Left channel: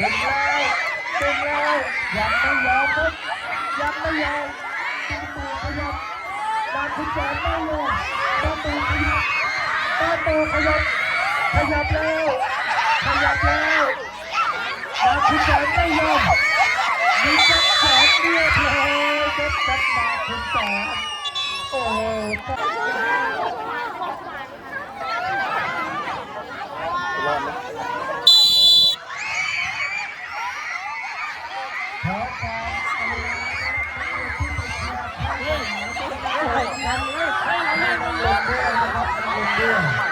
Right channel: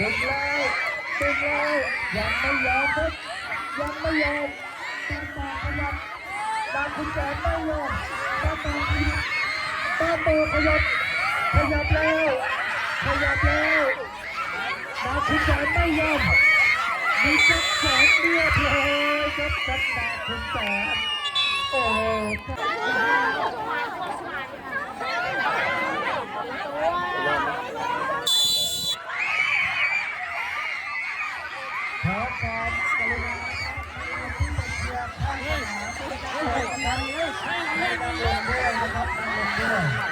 ดึงแล้วดึงแล้วยังไม่ยอมครับยังไม่ยอมตามต่อขยับตามคุณแจกไม่ยอมตามต่อขยับตามต่อขยับขยับแล้วขยับแล้วตามคุณแจกไม่ยอมมีจับแขนเดียวเท่านั้นจับจับตามคุณแจกโอ้โหโอ้โห